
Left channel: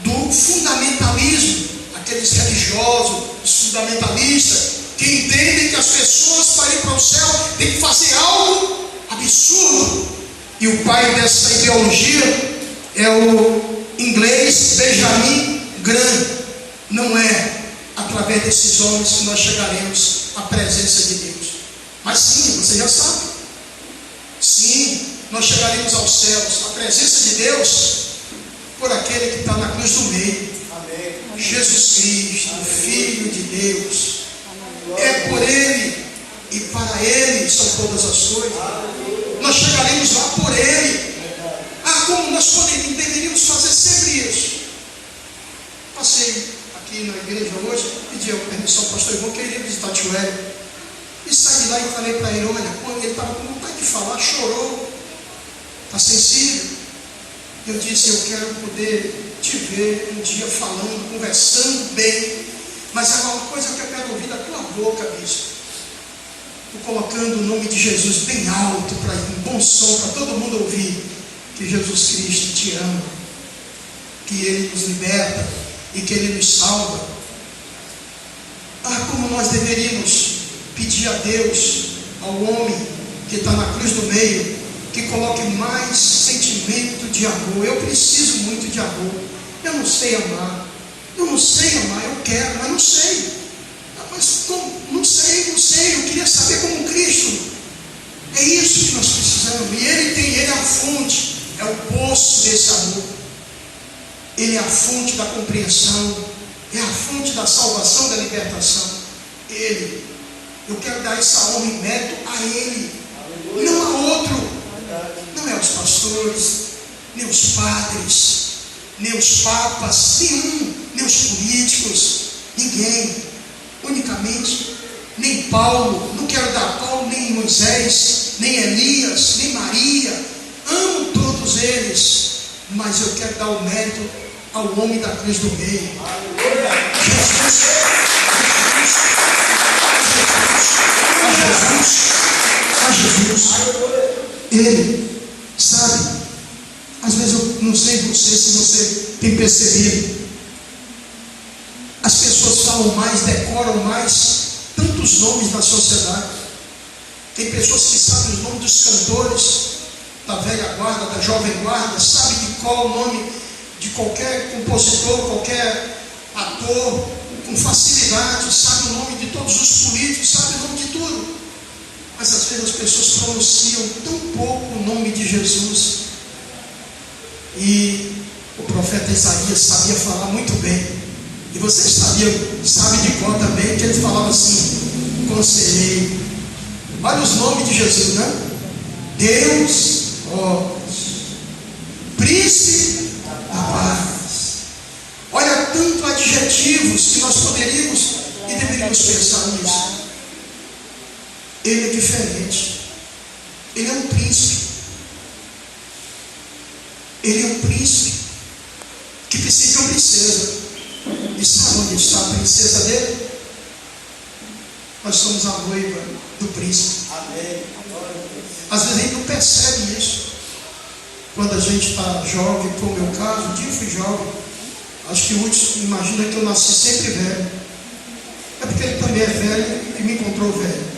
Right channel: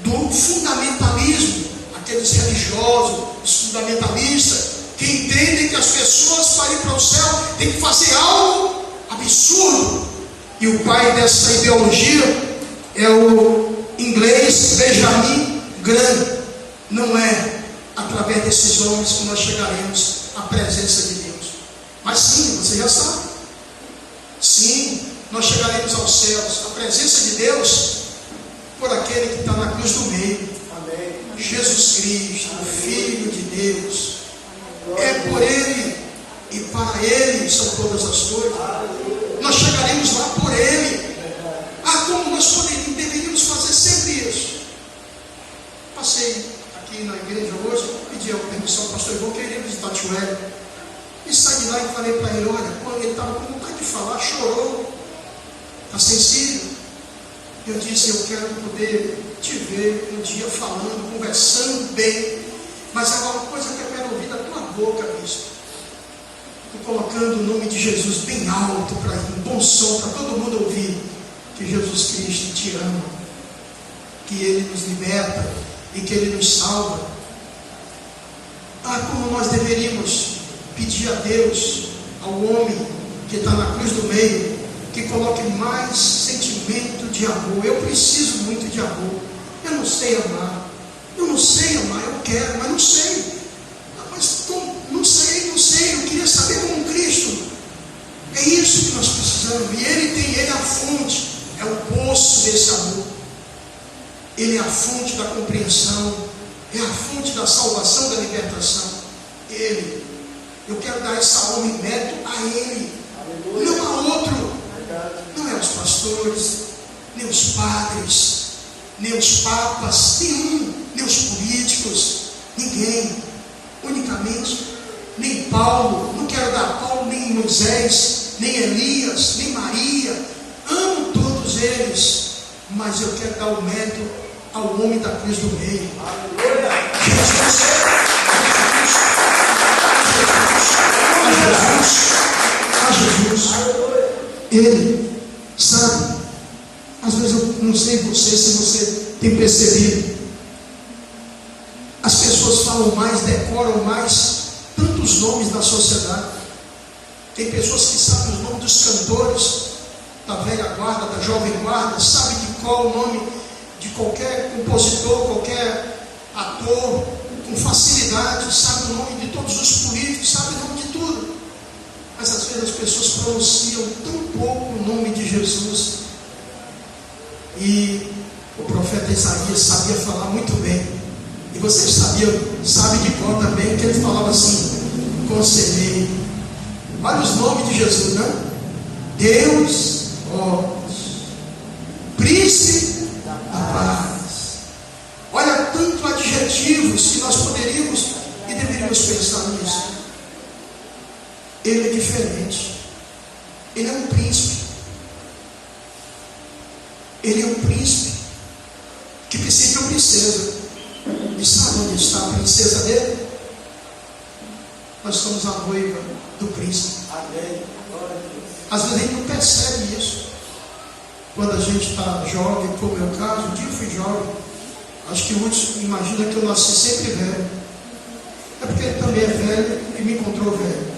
do fundamentalismo, aqueles religiosos, os fundamentalistas, que entendem que as pessoas para ir para o céu têm que fazer algo absurdo. E o pai dessa ideologia é o inglês Benjamin Graham. Não é através desses homens que nós chegaremos à presença de Deus. Mas sim, você já sabe. Sim, nós chegaremos aos céus, a presença de Deus, por aquele que está na cruz do meio. Amém. Jesus Cristo, o Filho de Deus. É por Ele e para Ele são todas as coisas. Nós chegaremos lá por Ele. Como nós deveríamos fazer sempre isso? Passei aqui na igreja hoje, pedi a permissão ao pastor Ivan, que eu iria visitar o tio Hélio. E saí de lá e falei para ele, olha, quando ele estava com vontade de falar, chorou, está sensível. Eu disse, eu quero poder te ver um dia falando, conversando bem, mas há uma coisa que eu quero ouvir da tua boca, bispo. Estou colocando o nome de Jesus bem alto, para um bom som, para todo mundo ouvir, que Jesus Cristo te ama, que Ele nos liberta e que Ele nos salva. Como nós deveríamos pedir a Deus, ao homem que está na cruz do meio, que coloque mais sentimento de amor. Eu preciso muito de amor. Eu não sei amar. Eu quero, mas não sei. Não sei. Eu queria saber como Cristo. É isso que nós precisamos. E Ele é a fonte, é o poço desse amor. Ele é a fonte da compreensão, é a fonte da salvação, da libertação. Eu quero dar essa honra e mérito a Ele, não a outro. Não é os pastores, nem os padres, nem os papas, nem os políticos, ninguém. Unicamente, nem Paulo. Não quero dar a Paulo, nem Moisés, nem Elias, nem Maria. Amo todos eles, mas eu quero dar o mérito ao homem da cruz do meio. A Jesus. Ele, sabe, às vezes eu não sei se você tem percebido, as pessoas falam mais, decoram mais tantos nomes da sociedade. Tem pessoas que sabem os nomes dos cantores da velha guarda, da jovem guarda, sabe de qual o nome de qualquer compositor, qualquer ator, com facilidade, sabe o nome de todos os políticos, sabe o nome de tudo. Mas às vezes as pessoas pronunciam tão pouco o nome de Jesus. E o profeta Isaías sabia falar muito bem. E você sabe de qual também, que ele falava assim: conselheiro. Olha os nomes de Jesus, né? Deus, príncipe da paz, tantos adjetivos que nós poderíamos e deveríamos pensar nisso. Ele é diferente. Ele é um príncipe. Ele é um príncipe que precisa de uma princesa. E sabe onde está a princesa dele? Nós somos a noiva do príncipe. Amém. Às vezes a gente não percebe isso. Quando a gente está jovem, como é o meu caso, um dia eu fui jovem. Acho que muitos imaginam que eu nasci sempre velho. É porque ele também é velho e me encontrou velho.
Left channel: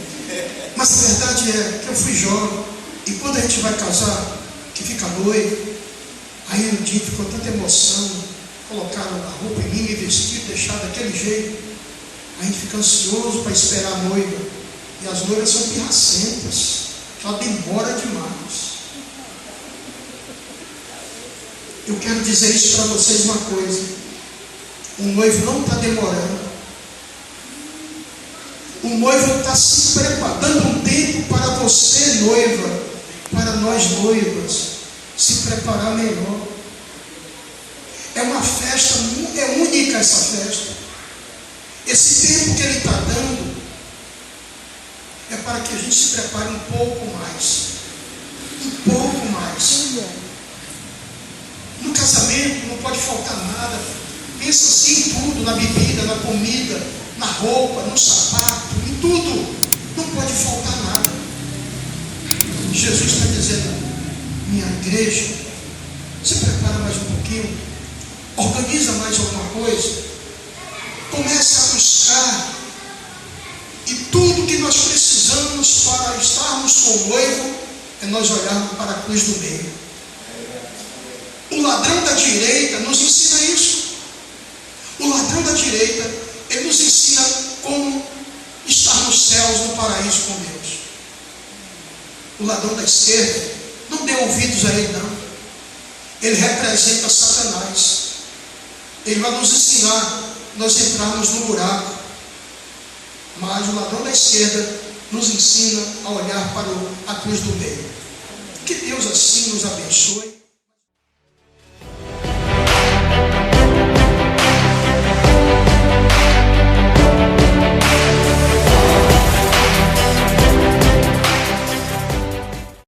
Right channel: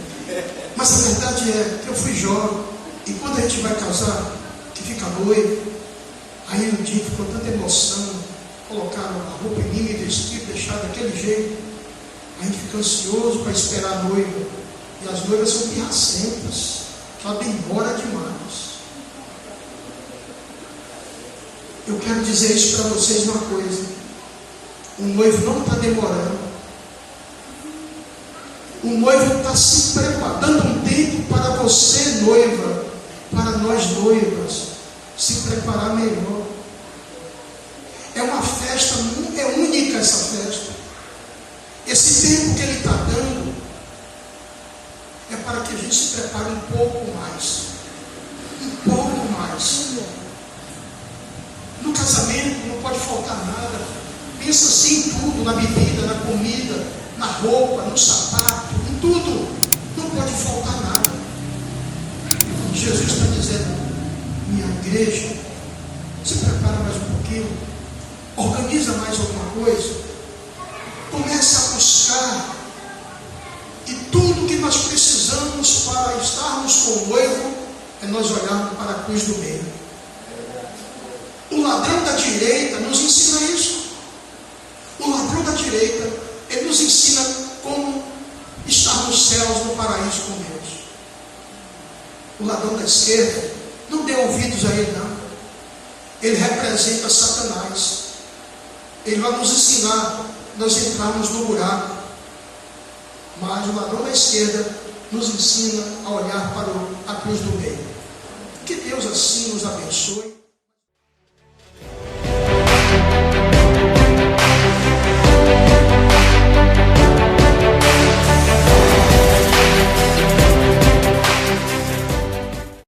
Mas a verdade é que eu fui jovem. E quando a gente vai casar, que fica noivo, aí no dia ficou tanta emoção, colocaram a roupa em mim, me vestir, deixar daquele jeito. A gente fica ansioso para esperar a noiva. E as noivas são pirracentas. Ela demora demais. Eu quero dizer isso para vocês uma coisa. O noivo não está demorando. O noivo está se preparando, dando um tempo para você, noiva, para nós noivas, se preparar melhor. É uma festa, é única essa festa. Esse tempo que Ele está dando é para que a gente se prepare um pouco mais. Um pouco mais. No casamento não pode faltar nada. Pensa assim em tudo, na bebida, na comida, na roupa, no sapato, em tudo. Não pode faltar nada. Jesus está dizendo, minha igreja, se prepara mais um pouquinho, organiza mais alguma coisa, começa a buscar, e tudo que nós precisamos para estarmos com o noivo é nós olharmos para a cruz do meio. O ladrão da direita nos ensina isso. O ladrão da direita, ele nos ensina como estar nos céus, no paraíso com Deus. O ladrão da esquerda, não dê ouvidos a ele não. Ele representa Satanás. Ele vai nos ensinar nós entrarmos no buraco. Mas o ladrão da esquerda nos ensina a olhar para a cruz do meio. Que Deus assim nos abençoe.